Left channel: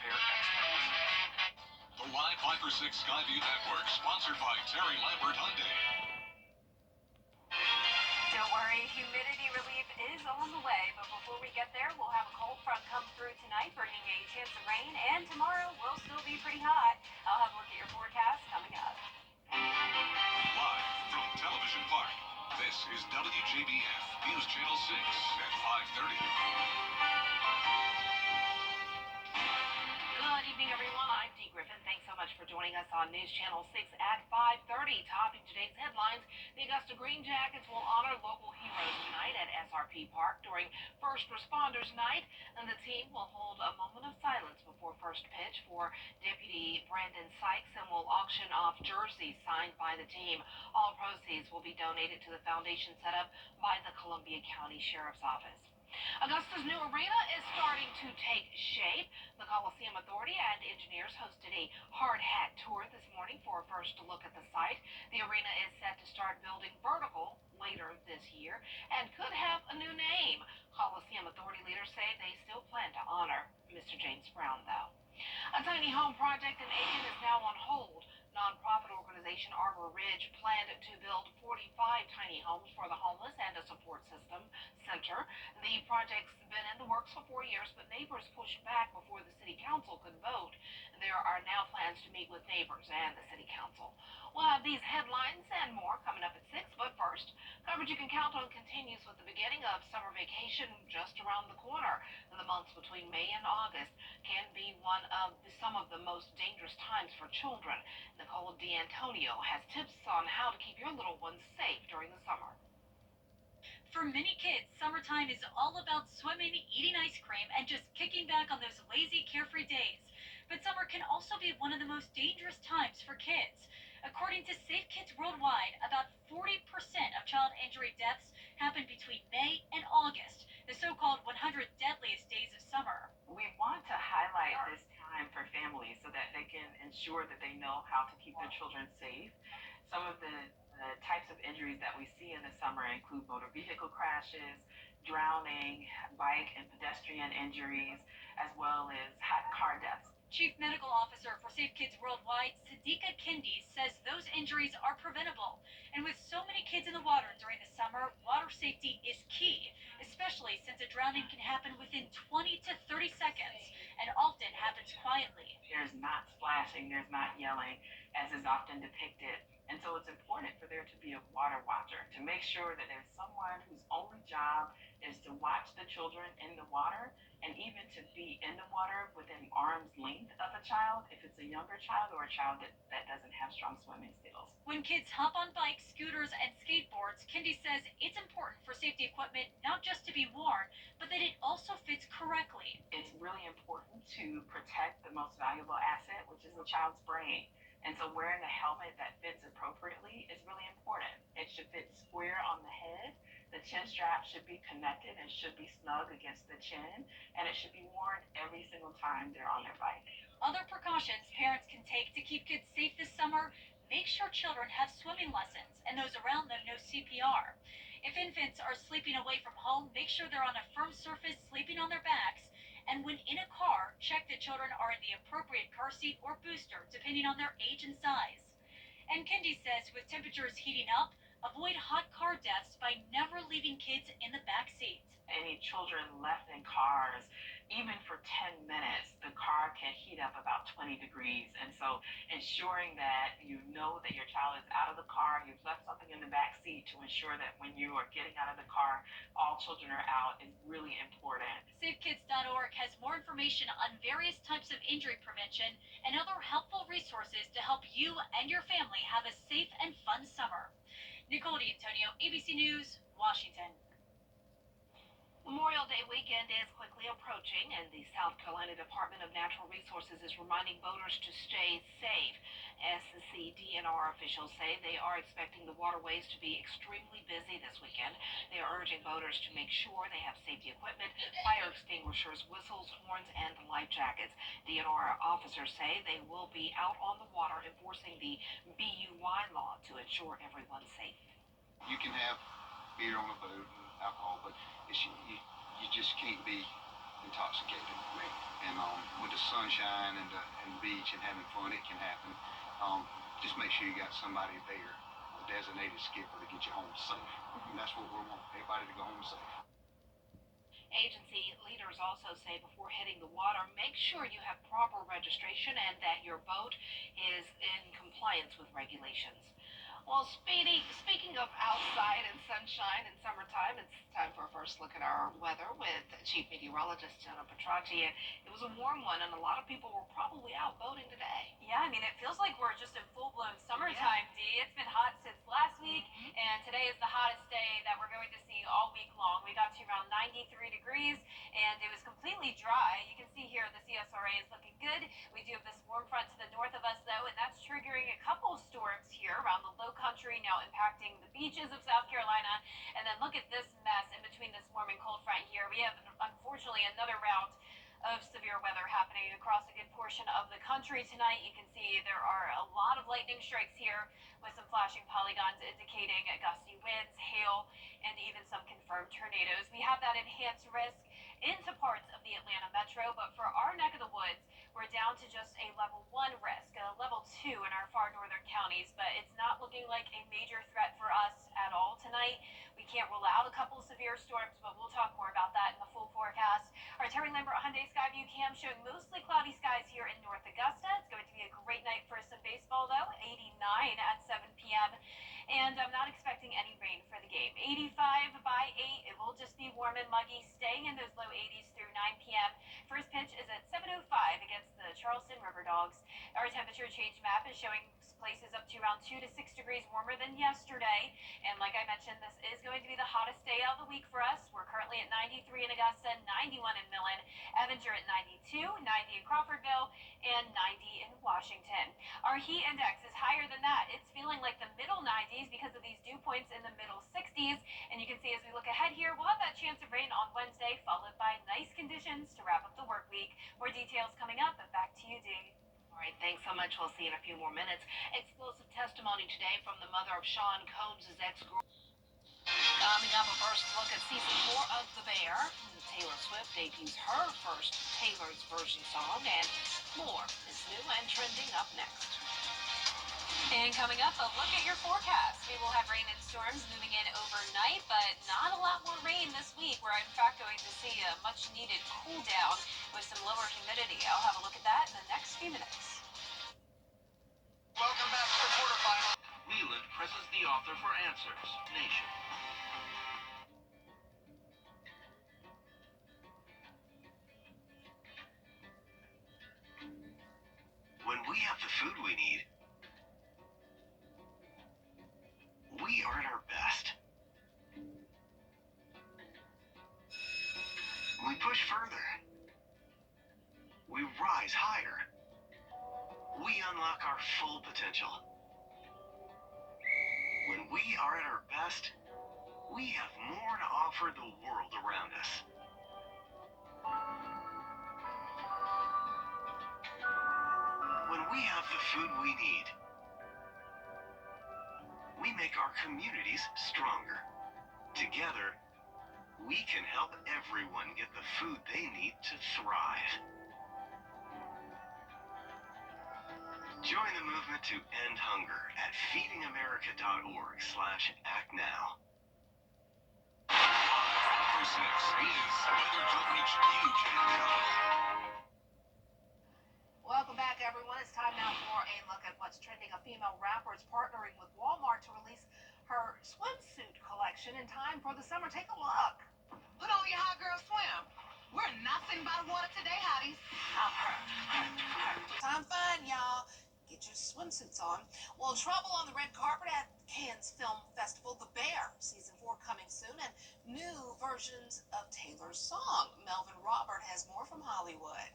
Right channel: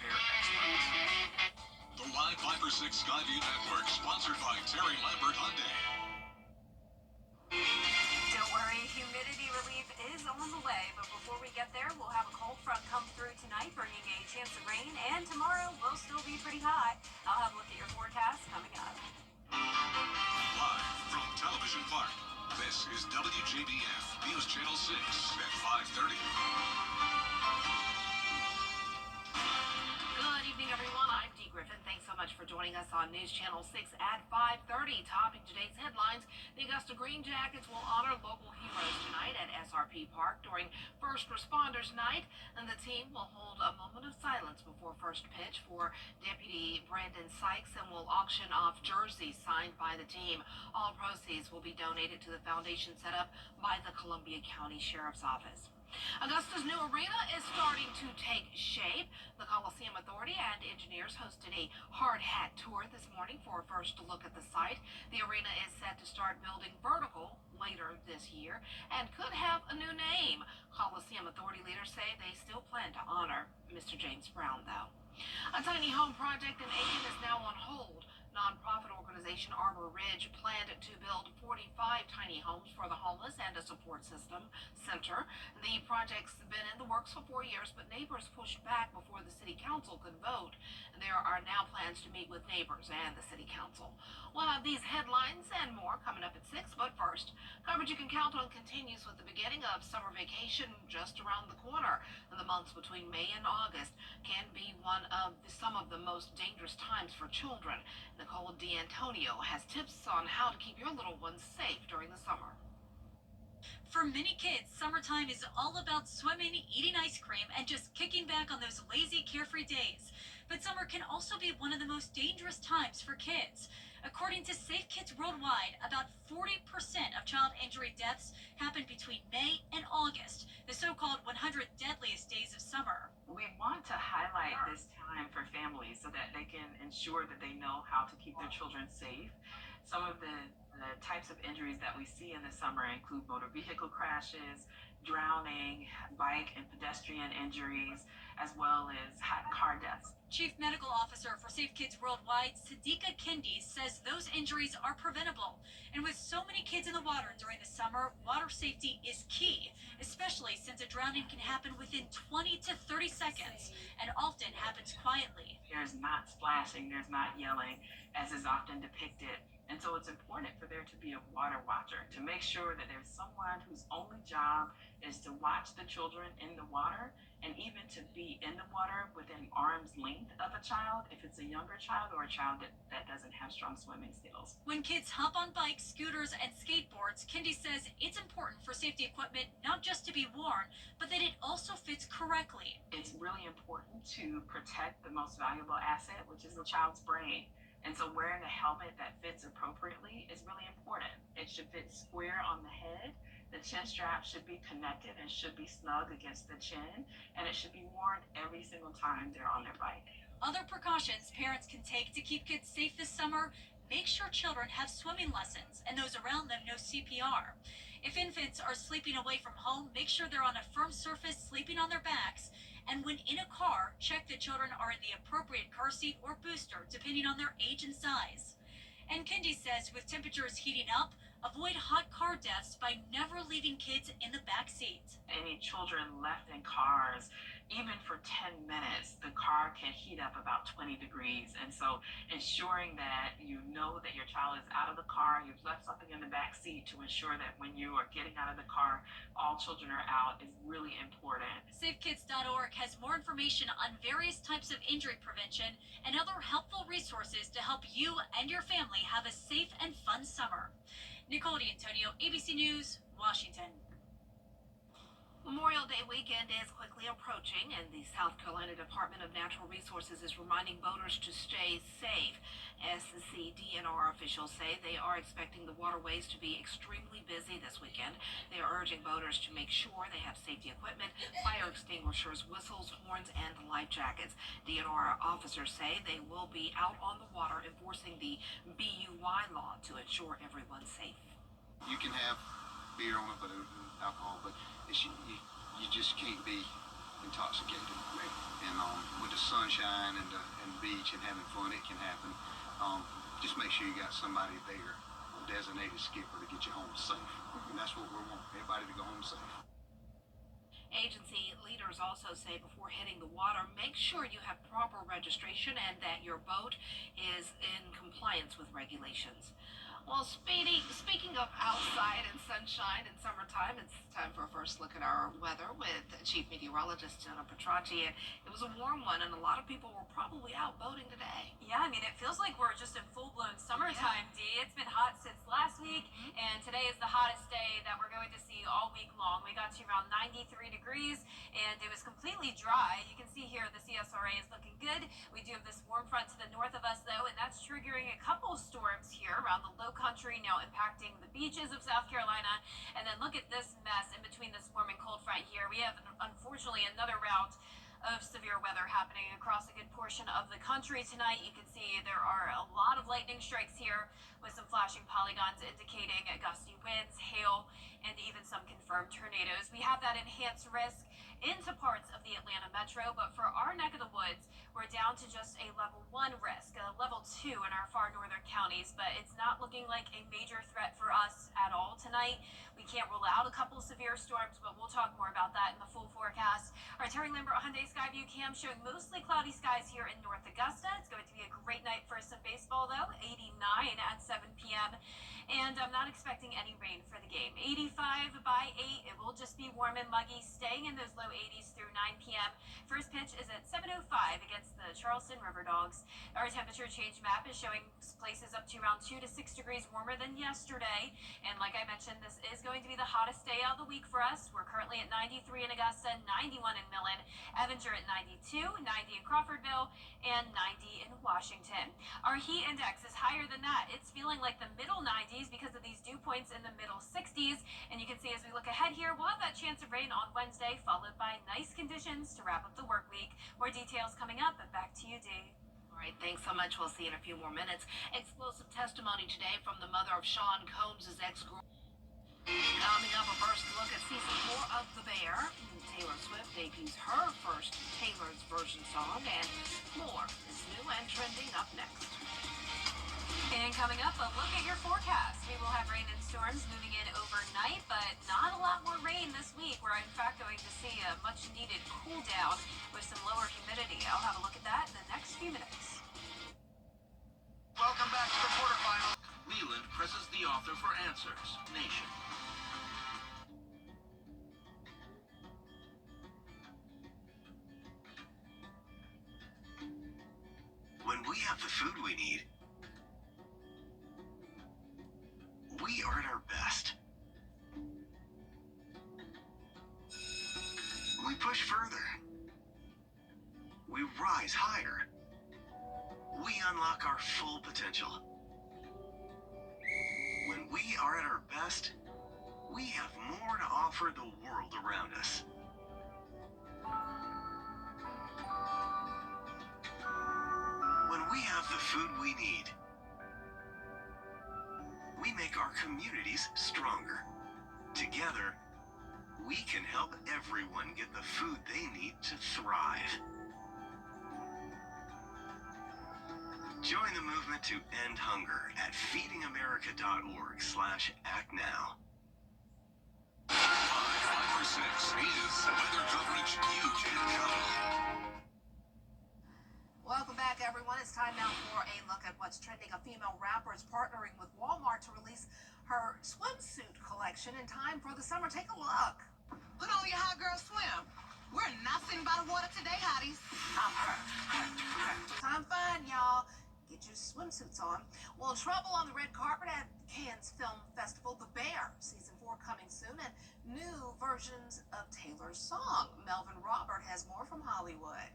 repair experts. The Live 5 for 6 Skyview Network, sponsored by Terry Lambert Hyundai. Don't worry, humidity relief is on the way, but before we get there, we'll have a cold front come through tonight, bringing a chance of rain, and tomorrow will still be pretty hot. I'll have a look at your forecast coming up. Live from Television Park, this is WJBF News Channel 6 at 5:30. Good evening, everyone. I'm Dee Griffin. Thanks so much for joining us on News Channel 6 at 5:30. Topping today's headlines, the Augusta Green Jackets will honor local heroes tonight at SRP Park during First Responders Night, and the team will hold a moment of silence before first pitch for Deputy Brandon Sykes and will auction off jerseys signed by the team. All proceeds will be donated to the foundation set up by the Columbia County Sheriff's Office. Augusta's new arena is starting to take shape. The Coliseum Authority and engineers hosted a hard hat tour this morning for a first look at the site. The arena is set to start building vertical later this year and could have a new name. Coliseum Authority leaders say they still plan to honor Mr. James Brown, though. A tiny home project in Aiken is now on hold. Nonprofit organization Arbor Ridge planned to build 45 tiny homes for the homeless and a support system center. The project's been in the works for 4 years, but neighbors pushed back before the city council could vote. There are now plans to meet with neighbors and the city council. We'll have these headlines and more coming up at 6, but first, coverage you can count on continues with the beginning of summer vacation just around the corner. The months between May and August can be some of the most dangerous times for children. Nicole D'Antonio has tips on how to keep your little ones safe during the summer. For many kids, summertime is all about swimming, eating ice cream, and just kicking back on those lazy, carefree days. But summer can also be one of the most dangerous times for kids. According to Safe Kids Worldwide, about 40% of child injury deaths happen between May and August, the so-called 100 deadliest days of summer. We want to highlight this time for families so that they can ensure that they know how to keep their children safe. Some of the types of injuries that we see in the summer include motor vehicle crashes, drowning, bike and pedestrian injuries, as well as hot car deaths. Chief Medical Officer for Safe Kids Worldwide, Sadiqa Kendi, says those injuries are preventable. And with so many kids in the water during the summer, water safety is key, especially since a drowning can happen within 20 to 30 seconds and often happens quietly. There's not splashing, there's not yelling, as is often depicted. And so it's important for there to be a water watcher to make sure that there's someone whose only job is to watch the children in the water, and even to be in the water within arm's length of a child if it's a younger child or a child that doesn't have strong swimming skills. When kids hop on bikes, scooters, and skateboards, Kendi says it's important for safety equipment not just to be worn, but that it also fits correctly. It's really important to protect the most valuable asset, which is the child's brain. And so wearing a helmet that fits appropriately is really important. It should fit square on the head. The chin strap should be connected and should be snug against the chin, and it should be worn every single time they're on their bike. Other precautions parents can take to keep kids safe this summer: make sure children have swimming lessons and those around them know CPR. If infants are sleeping away from home, make sure they're on a firm surface, sleeping on their backs. And when in a car, check that children are in the appropriate car seat or booster, depending on their age and size. And Kendi says with temperatures heating up, avoid hot car deaths by never leaving kids in the back seat. Any children left in cars, even for 10 minutes, the car can heat up about 20 degrees. And so ensuring that you know that your child is out of the car, you've left something in the back seat to ensure that when you are getting out of the car, all children are out, is really important. SafeKids.org has more information on various types of injury prevention and other helpful resources to help you and your family have a safe and fun summer. Nicole D'Antonio, ABC News, Washington. Memorial Day weekend is quickly approaching, and the South Carolina Department of Natural Resources is reminding boaters to stay safe. SCDNR officials say they are expecting the waterways to be extremely busy this weekend. They are urging boaters to make sure they have safety equipment, fire extinguishers, whistles, horns, and life jackets. DNR officers say they will be out on the water enforcing the BUY law to ensure everyone's safe. You can have beer on a boat and alcohol, but you just can't be intoxicated. And with the sunshine and the beach and having fun, it can happen. Just make sure you got somebody there, a designated skipper, to get you home safe. And that's what we want, everybody to go home safe. Agency leaders also say before hitting the water, make sure you have proper registration and that your boat is in compliance with regulations. Well, speaking of outside and sunshine and summertime, it's time for a first look at our weather with Chief Meteorologist Jenna Petracci. And it was a warm one, and a lot of people were probably out boating today. Yeah, I mean, it feels like we're just in full-blown summertime, Dee. It's been hot since last week, and today is the hottest day that we're going to see all week long. We got to around 93 degrees, and it was completely dry. You can see here the CSRA is looking good. We do have this warm front to the north of us, though, and that's triggering a couple storms here around the low country, now impacting the beaches of South Carolina. And then look at this mess in between this warm and cold front here. We have, unfortunately, another route of severe weather happening across a good portion of the country tonight. You can see there are a lot of lightning strikes here with some flashing polygons indicating gusty winds, hail, and even some confirmed tornadoes. We have that enhanced risk into parts of the Atlanta metro, but for our neck of the woods, we're down to just a level 1 risk, a level 2 in our far northern counties, but it's not looking like a major threat for us at all tonight. We can't rule out a couple severe storms, but we'll talk more about that in the full forecast. Our Terry Lambert Hyundai Skyview cam showing mostly cloudy skies here in North Augusta. It's going to be a great night for some baseball, though. 89 at 7 p.m. And I'm not expecting any rain for the game. 85 by 8. It will just be warm and muggy, staying in those low 80s through 9 p.m. First pitch is at 7:05 against the Charleston River Dogs. Our temperature change map is showing places up to around 2 to 6 degrees warmer than yesterday. And like I mentioned, this is going to be the hottest day of the week for us. We're currently at 93 in Augusta, 91 in Millen, Evanger at 92, 90 in Crawfordville, and 90 in Washington. Our heat index is higher than that. It's feeling like the middle 90s because of these dew points in the middle 60s. And you can see as we look ahead here, we'll have that chance of rain on Wednesday, followed by nice conditions to wrap up the work week. More details coming up, and back to you, Dee. All right, thanks so much. We'll see you in a few more minutes. Explosive testimony today from the mother of Sean Combs' ex-girlfriend. Coming up, a first look at season 4 of The Bear. Taylor Swift debuts her first Taylor's version song, and more is new and trending up next. And coming up, a look at your forecast. We will have rain and storms moving in overnight, but not a lot more rain this week. We're in fact going to see a much needed cool down with some lower humidity. I'll have a look at that in the next few minutes. Welcome back to the quarterfinals. Leland presses the author for answers. Nation. When we have the food we need, we are at our best. We push further. We rise higher. We unlock our full potential. When we are at our best, we have more to offer the world around us. When we have the food we need, we make our communities stronger. Together, we can help everyone get the food they need to thrive. Join the movement to end hunger at feedingamerica.org/actnow. 536 is weather coverage you can count on. Welcome back, everyone. It's time now for a look at what's trending. A female rapper is partnering with Walmart to release her swimsuit collection in time for the summer. Take a look. Put on your hot girl swim. We're not sitting by the water today, hotties. Time fun, y'all. Get your swimsuits on. Well, trouble on the red carpet at Cannes Film Festival. The Bear, season 4 coming soon, and new versions of Taylor's song. Melvin Robert has more from Hollywood.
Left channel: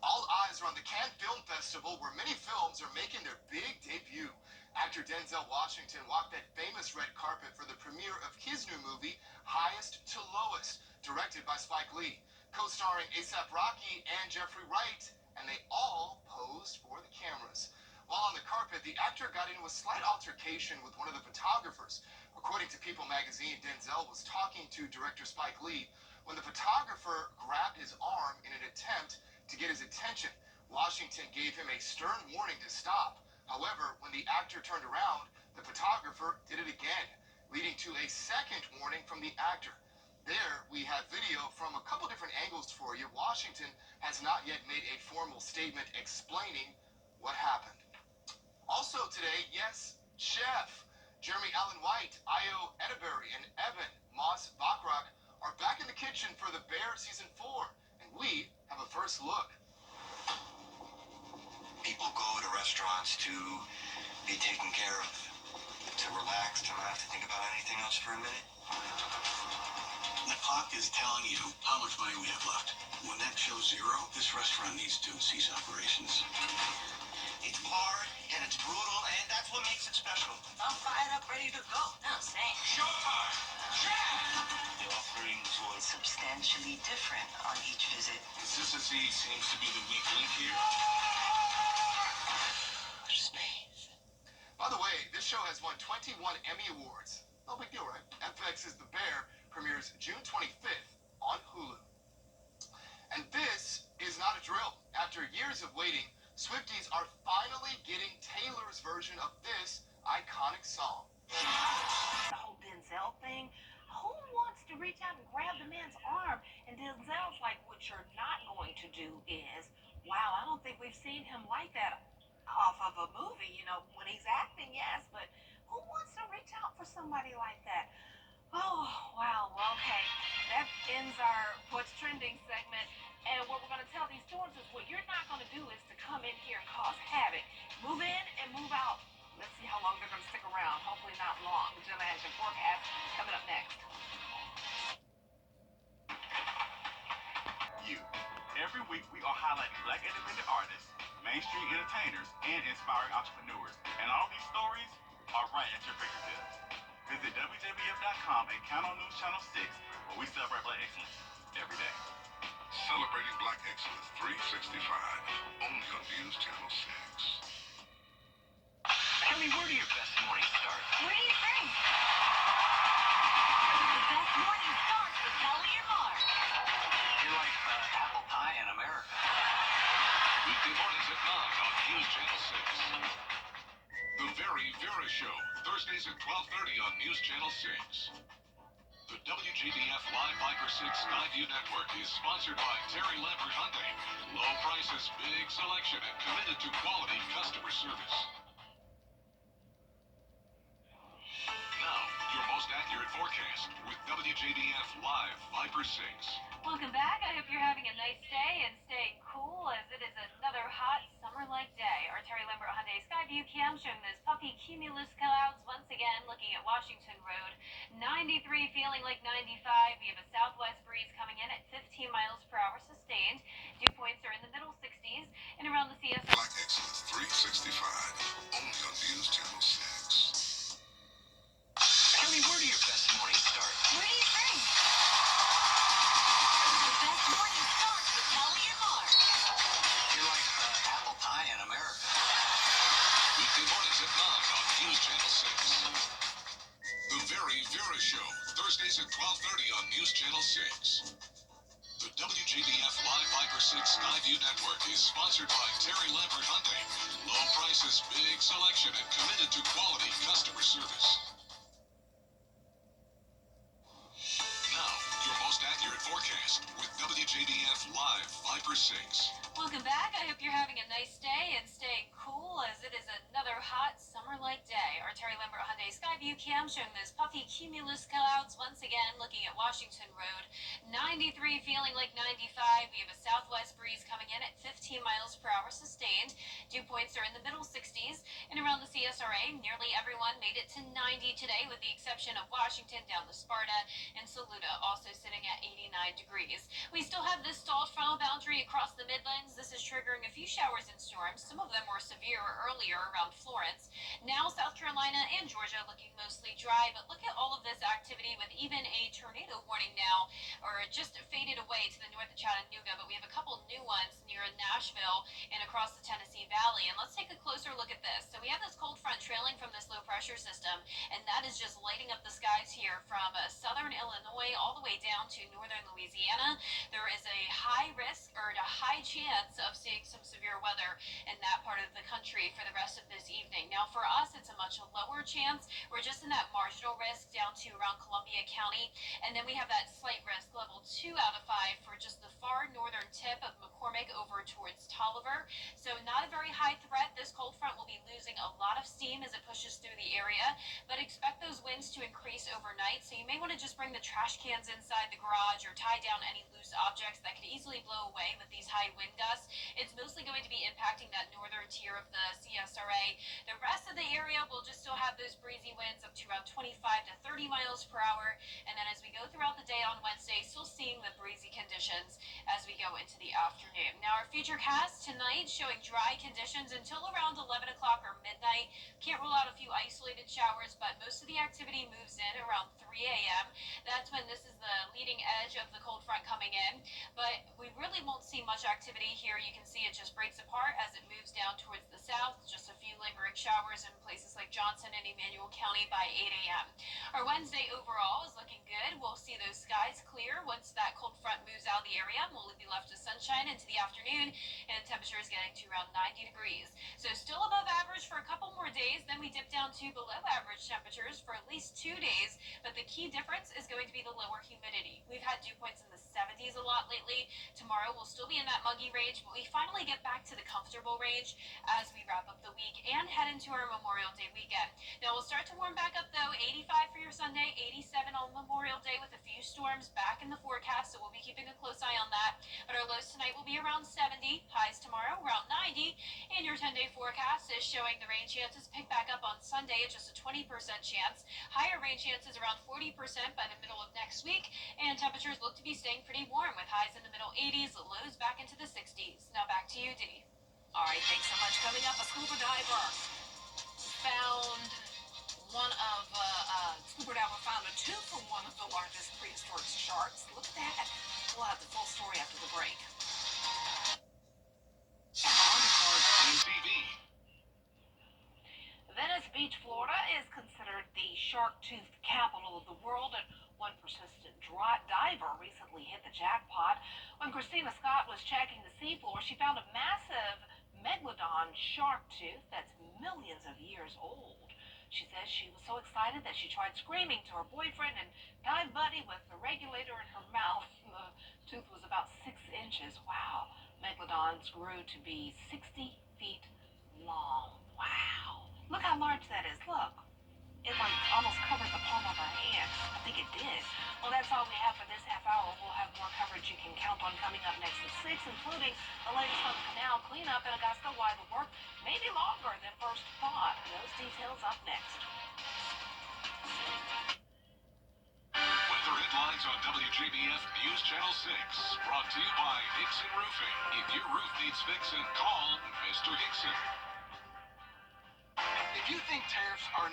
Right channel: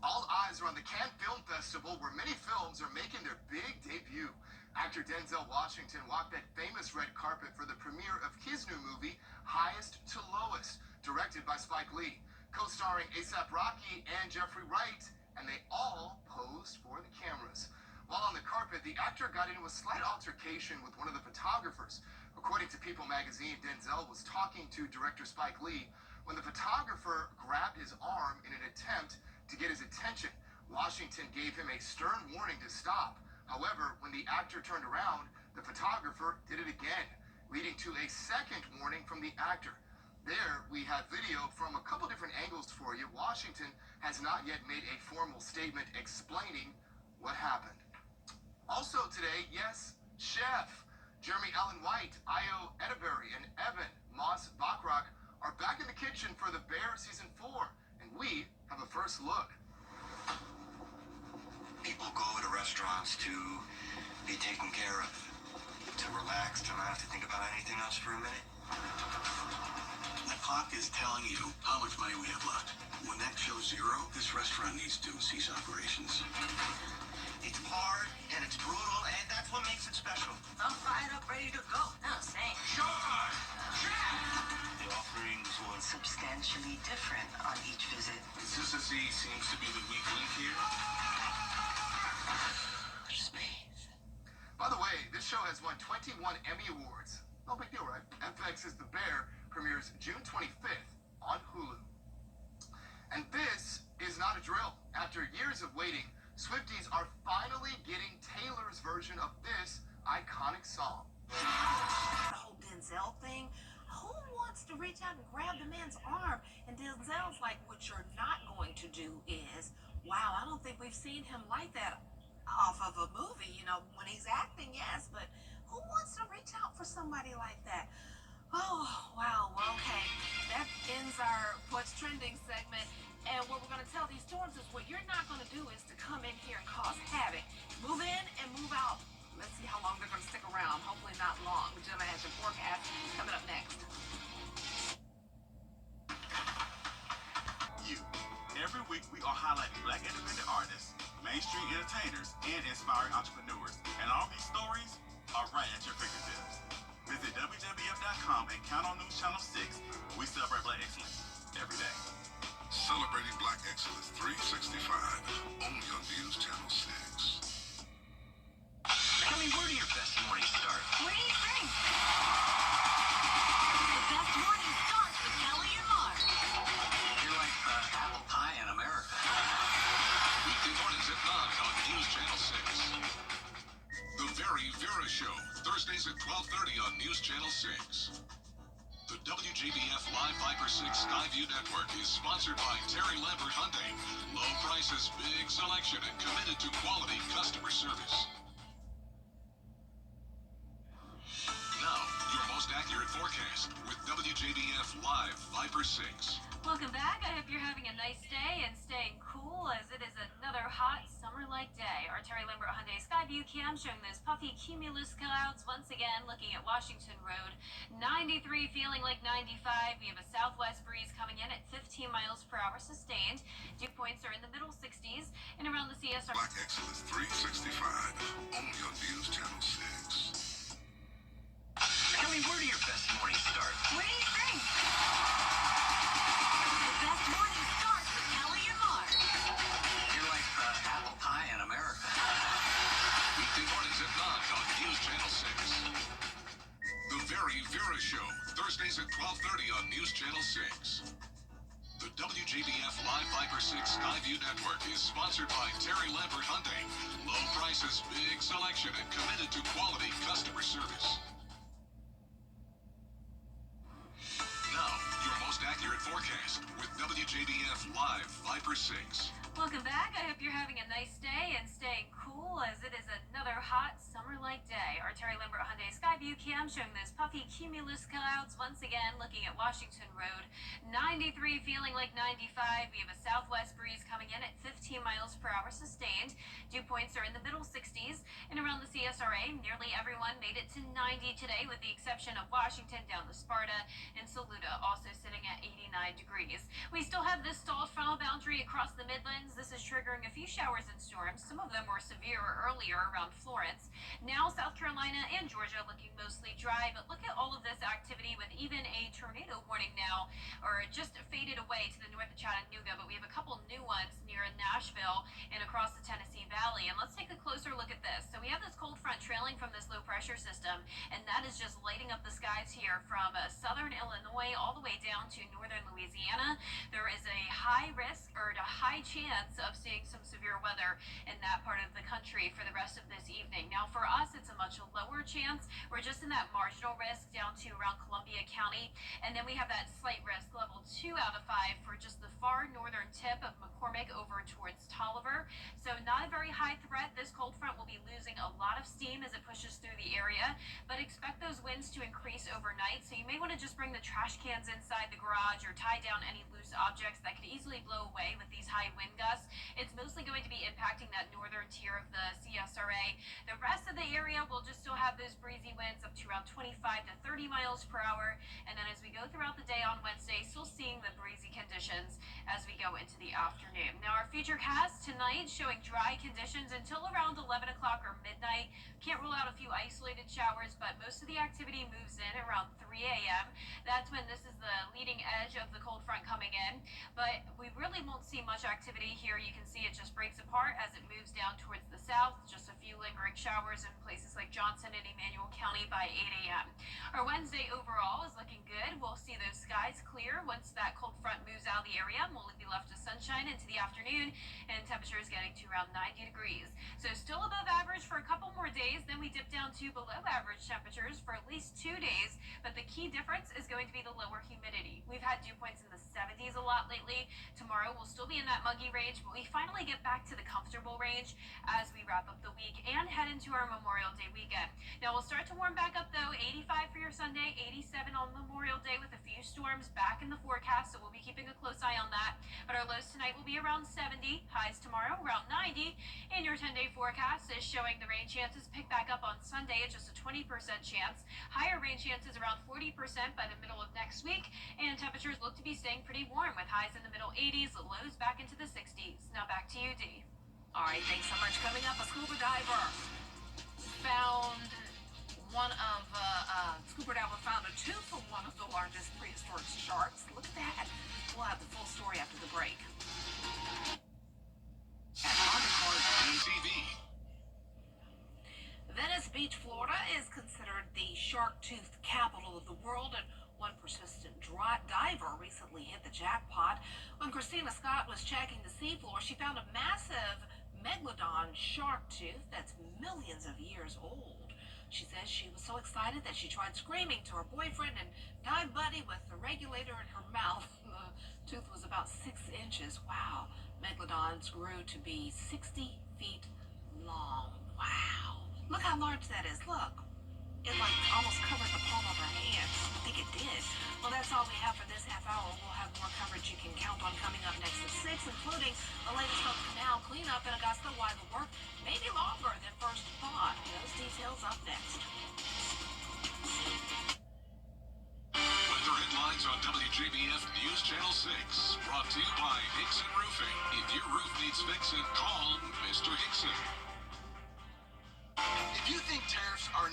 All eyes are on the Cannes Film Festival, where many films are making their big debut. Actor Denzel Washington walked that famous red carpet for the premiere of his new movie, Highest to Lowest, directed by Spike Lee, co-starring A$AP Rocky and Jeffrey Wright, and they all posed for the cameras. While on the carpet, the actor got into a slight altercation with one of the photographers. According to People magazine, Denzel was talking to director Spike Lee when the photographer grabbed his arm in an attempt to get his attention. Washington gave him a stern warning to stop. However, when the actor turned around, the photographer did it again, leading to a second warning from the actor. There, we have video from a couple different angles for you. Washington has not yet made a formal statement explaining what happened. Also today, yes, Chef. Jeremy Allen White, Io Edeberry, and Evan Moss Bachrach are back in the kitchen for The Bear Season 4, and we have a first look. People go to restaurants to be taken care of, to relax, to not have to think about anything else for a minute. The clock is telling you how much money we have left. When that shows zero, this restaurant needs to cease operations. It's hard and it's brutal, and that's what makes it special. I'm fired up, ready to go. No, same. Showtime! The offerings were Substantially different on each visit. consistency seems to be the weak link here. Space. By the way, this show has won 21 Emmy Awards. No big deal, right? FX's The Bear premieres June 25th on Hulu. And this is not a drill. After years of waiting, Swifties are finally getting Taylor's version of this iconic song. The whole Denzel thing. Who wants to reach out and grab the man's arm? And Denzel's like, what you're not going to do is, wow, I don't think we've seen him like that off of a movie. You know, when he's acting, yes, but who wants to reach out for somebody like that? Oh, wow. Well, okay. That ends our What's Trending segment. And what we're going to tell these storms is what you're not going to do is to come in here and cause havoc. Move in and move out. Let's see how long they're going to stick around. Hopefully not long. Gemma has your forecast coming up next. Every week, we are highlighting Black independent artists, mainstream entertainers, and inspiring entrepreneurs. And all these stories are right at your fingertips. Visit WJBF.com and count on News Channel 6, where we celebrate Black excellence every day. Celebrating Black Excellence 365, only on News Channel 6. Kelly, where do your best mornings start? What do you think? The best morning starts with Kelly and Mark. You're like apple pie in America. Weekday mornings at 9 on News Channel 6. The Very Vera Show, Thursdays at 12:30 on News Channel 6. The WJBF Live Viper 6 Skyview Network is sponsored by Terry Lambert Hyundai. Low prices, big selection, and committed to quality customer service. Now, your most accurate forecast with WJBF Live Viper 6. Welcome back. I hope you're having a nice day and staying cool as it is another hot summer-like day. Our Terry Lambert Hyundai Skyview cam showing those puffy cumulus clouds once again looking at Washington Road. 93 feeling like 95. We have a southwest breeze coming in at 15 miles per hour sustained. Dew points are in the middle 60s and around the CSR. Black Excellence 365, only on News Channel 6. Kelly, where do your best mornings start? What do you think? The best morning starts with Kelly and Mark. You're like apple pie in America. Weekday mornings at 9 on News Channel 6. The Very Vera Show, Thursdays at 12:30 on News Channel 6. The WJBF Live Viper 6 Skyview Network is sponsored by Terry Lambert Hyundai. Low prices, big selection, and committed to quality customer service. Now, your most accurate forecast with WJBF Live Viper 6. Welcome back. I hope you're having a nice day and staying cool as it is another hot summer-like day. Our Terry Lambert Hyundai Skyview cam showing those puffy cumulus clouds once again looking at Washington Road. 93 feeling like 95. We have a southwest breeze coming in at 15 miles per hour sustained. Dew points are in the middle 60s and around the CSRA. Nearly everyone made it to 90 today with the exception of Washington down to Sparta and Saluda also sitting at 89 degrees. We still have this stalled frontal boundary across the Midlands. This is triggering a few showers and storms. Some of them were severe earlier around Florence. Now South Carolina and Georgia looking mostly dry, but look at all of this activity with even a tornado warning now, or just faded away to the north of Chattanooga, but we have a couple new ones near Nashville and across the Tennessee Tennessee Valley. And let's take a closer look at this. So we have this cold front trailing from this low pressure system, and that is just lighting up the skies here from southern Illinois all the way down to northern Louisiana. There is a high risk or a high chance of seeing some severe weather in that part of the country for the rest of this evening. Now for us, it's a much lower chance. We're just in that marginal risk down to around Columbia County, and then we have that slight risk level 2 out of 5 for just the far northern tip of McCormick over towards Tolliver. So not a very high threat. This cold front will be losing a lot of steam as it pushes through the area, but expect those winds to increase overnight. So you may want to just bring the trash cans inside the garage or tie down any loose objects that could easily blow away with these high wind gusts. It's mostly going to be impacting that northern tier of the CSRA. The rest of the area will just still have those breezy winds up to around 25 to 30 miles per hour. And then as we go throughout the day on Wednesday, still seeing the breezy conditions as we go into the afternoon. Now our futurecast tonight showing dry conditions until around 11 o'clock or midnight. Can't rule out a few isolated showers, but most of the activity moves in around 3 a.m. That's when this is the leading edge of the cold front coming in. But we really won't see much activity here. You can see it just breaks apart as it moves down towards the south. Just a few lingering showers in places like Johnson and Emmanuel County by 8 a.m. Our Wednesday overall is looking good. We'll see those skies clear once that cold front moves out of the area. We'll be left to sunshine into the afternoon, and temperatures getting to around 90 degrees. So still above average for a couple more days. Then we dip down to below average temperatures for at least 2 days. But the key difference is going to be the lower humidity. We've had dew points in the 70s a lot lately. Tomorrow we'll still be in that muggy range, but we finally get back to the comfortable range as we wrap up the week and head into our Memorial Day weekend. Now we'll start to warm back up though. 85 for your Sunday, 87 on Memorial Day with a few storms back in the forecast, so we'll be keeping a close eye on that. But our lows tonight will be around 70, highs tomorrow around 90, and your 10-day forecast is showing the rain chances pick back up on Sunday at just a 20% chance. Higher rain chances around 40% by the middle of next week, and temperatures look to be staying pretty warm with highs in the middle 80s, lows back into the 60s. Now back to you, Dee. All right, thanks so much. Coming up, a scuba diver found a tooth from one of the largest prehistoric sharks. Look at that. We'll have the full story after the break. TV. Venice Beach, Florida is considered the shark-toothed capital of the world, and one persistent diver recently hit the jackpot. When Christina Scott was checking the seafloor, she found a massive megalodon shark tooth that's millions of years old. She says she was so excited that she tried screaming to her boyfriend and dive buddy with the regulator in her mouth. The tooth was about 6 inches. Wow. Megalodons grew to be 60 feet long. Wow. Look how large that is. Look. It like almost covered the palm of her hand. I think it did. Well, that's all we have for this half hour. We'll have more coverage you can count on coming up next at 6, including the latest on canal cleanup in Augusta, why the work may be longer than first thought. Those details up next. Weather headlines on WJBF News Channel 6. Brought to you by Hickson Roofing. If your roof needs fixing, call Mr. Hickson. If you think tariffs are